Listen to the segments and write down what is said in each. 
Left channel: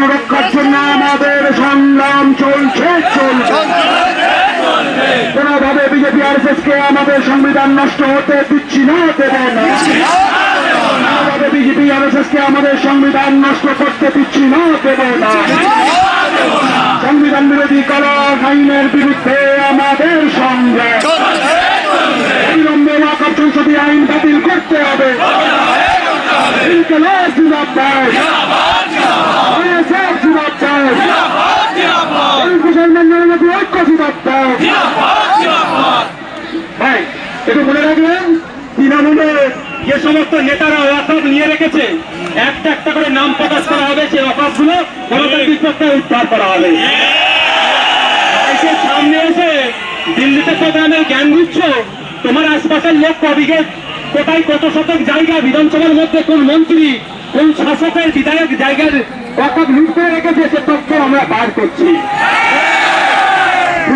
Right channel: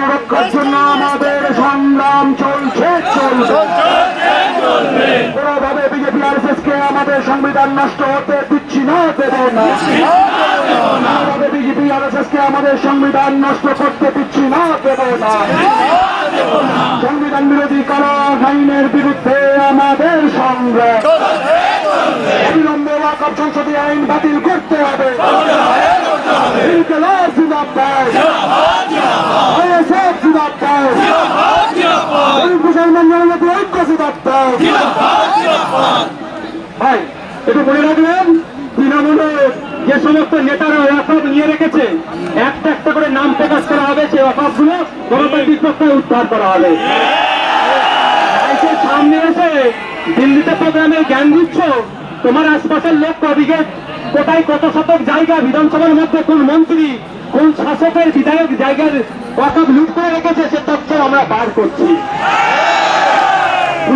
সংবিধান রক্ষার জন্য আমাদের সংগ্রাম চলছে কোনোভাবে বিজেপি আরএসএস কে আমাদের সংবিধান নষ্ট হতে দিচ্ছি না, দেব না। কোনোভাবে বিজেপি আরএসএস কে আমাদের সংবিধান নষ্ট করতে দিচ্ছি না, দেব না। সংবিধান বিরোধী কলম আইনের বিরুদ্ধে আমাদের সংগ্রাম অবিলম্বে ওয়াকফ সংশোধনী আইন বাতিল করতে হবে। একটু বলে রাখলেন, তৃণমূলে যে সমস্ত নেতারা ওয়াকফ নিয়ে রেখেছে একটা একটা করে নাম প্রকাশ করা হবে, সেই ওয়াকফ গুলো গণতান্ত্রিক পক্ষে উদ্ধার করা হবে। সামনে এসে দিল্লিতে প্রোগ্রামে জ্ঞান দিচ্ছ, তোমার আশপাশের লোক কবিকে কোথায় কত শতক জায়গা বিধানসভার মধ্যে কোন মন্ত্রী কোন শাসকের বিধায়ক জায়গার ওয়াকফ লুট করে রেখেছে সে তথ্য আমরা বার করছি।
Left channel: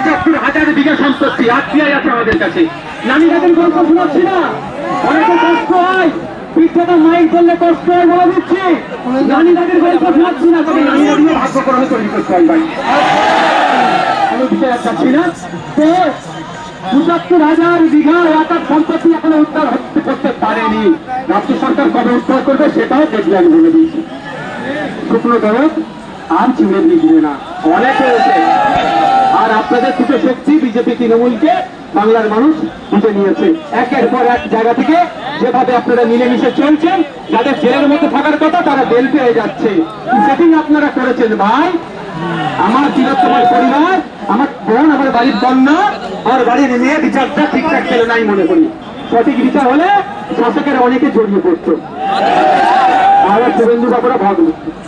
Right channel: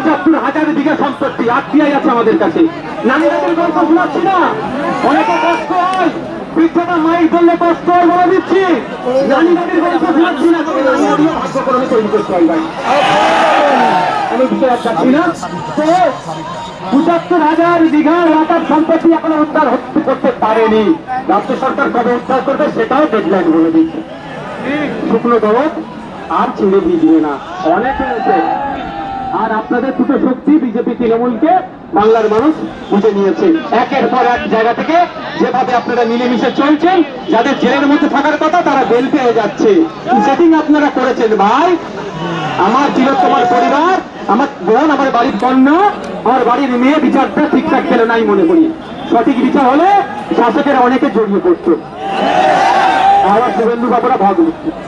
৭৫,০০০ বিঘা সম্পত্তি আত্মীয় আছে আমাদের কাছে। নানিদাদের গল্প শোনাচ্ছি না, অনেকে কষ্ট হয়, বৃদ্ধটা মাইক করলে কষ্ট হয় বলে দিচ্ছি। নানিদাদের গল্প শোনাচ্ছি না, তবে নানিদা দিয়ে ভাগ্য করে তৈরি করতে হয়। কোনো বিষয় আর চাচ্ছি না। তো ৭৫,০০০ বিঘা ওয়াকফ সম্পত্তি এখনো উদ্ধার করতে পারেনি। রাজ্য সরকার কবে উদ্ধার করবে সেটাও ডেডলাইন বলে দিয়েছে। শুকনো দরদ আর চিংড়ি দিবে না, অনেক হয়েছে। আর আপনাদের দুটো শক্তি বিজেপি তৃণমূলকে বাংলার মানুষ বুঝে নিয়েছে। একের পর এক জায়গা থেকে যেভাবে আপনারা মিলেমিশে চলছেন, যাদের জেলের মধ্যে থাকার কথা তারা বেল পেয়ে যাচ্ছে। সেটিং আপনারা করেছেন ভাই। আমার চিরতমার পরিবার, আমার বোন, আমার বাড়ির কন্যা, আমার বাড়ির মেয়ে বিচারটা ঠিকঠাক ছিল নাই মনে করি। সঠিক বিচার হলে শাসকেরা অনেকে জড়িয়ে পড়তো। আমার শুভেন্দু বাবুরা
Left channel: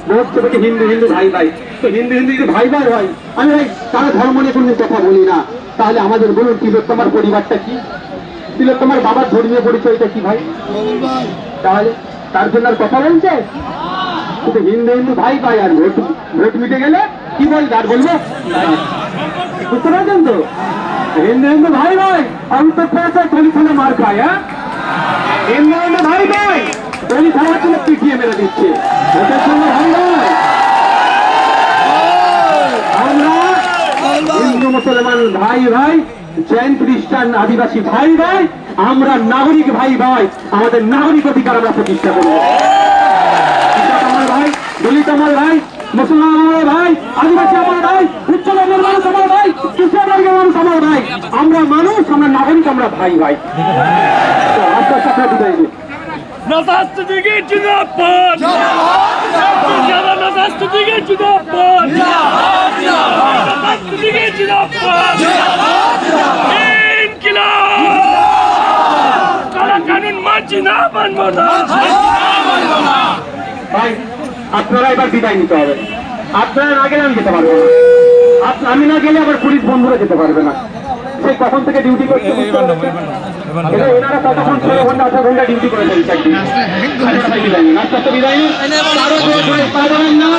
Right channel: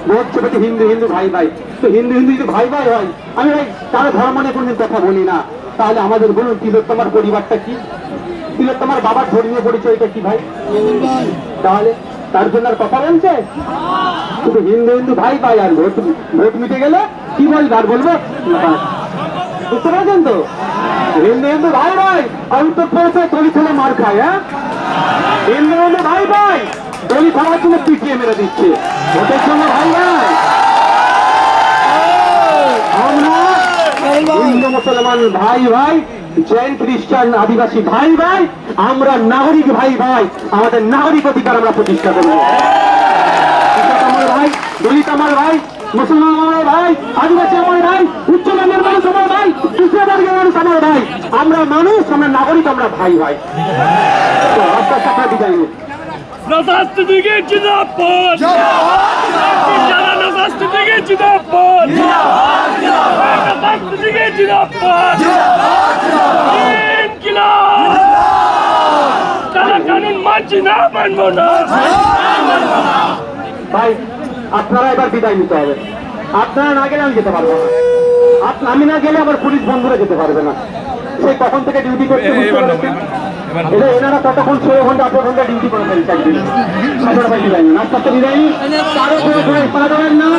ভোট ছবিতে হিন্দু হিন্দু ভাই ভাই, তো হিন্দু হিন্দু যদি ভাই ভাই হয়, আমি তারা ধর্ম নিয়ে কোনদিন কথা বলি না। তাহলে আমাদের বলুন তিলোত্তমার পরিবারটা কি, তিলোত্তমার বাবার ধর্মীয় পরিচয়টা কি ভাই? তাহলে তার জন্য আর কথা বলছে? শুধু হিন্দু হিন্দু ভাই ভাই, আর ভোট মিটে গেলে কি বলবে আর বলবো? বুঝতে পারছেন তো? হিন্দু হিন্দু ভাই ভাই, অন্তর পড়েছে দলিত হলে মার খায়। হ্যাঁ, হিন্দু হিন্দু ভাই ভাই, দলিত হওয়ার জন্য পিটিয়ে মেরে দিচ্ছে। ভোটের জন্য ভাই ভাই, আমরা হিন্দু মুসলমান ভাই ভাই, জৈন খ্রিস্টান আদিবাসী ভাই ভাই, আমরা নাগরিক ভাই ভাই, আমাদের নাগরিক অধিকার আমরা প্রতিষ্ঠা করবো। আমার ভাই, দলিত আমার ভাই, মুসলমান আমার ভাই, আদিবাসী আমার ভাই, উচ্চবর্ণের মানুষ আমার ভাই, কৃষ্ণবর্গের মানুষ আমার ভাই, আমরা মানুষ, আমরা নাগরিক, আমরা ভাই ভাই। তো আপনার সাথে বিদায় নিই। Nazastüdige Cinapot! Nazastüdige Cinapot! Nazastüdige Cinapot! İnkılap! Sana kanun মানছি না, মানবো না। ভাই আপনারা এবার বিদায় নিতে হবে। আপনারা না গেলে আমি যেতে পারবো না, আমি না গেলে আমার পুলিশ বন্ধুরা যেতে পারবে না। সেই তখন থেকে ডিউটি করতে ওনারা কতক্ষণ 6 ঘন্টা 8 ঘন্টা ডিউটি করে ফেলছে। নাস্তা তো বিদায় নেই, কারো না।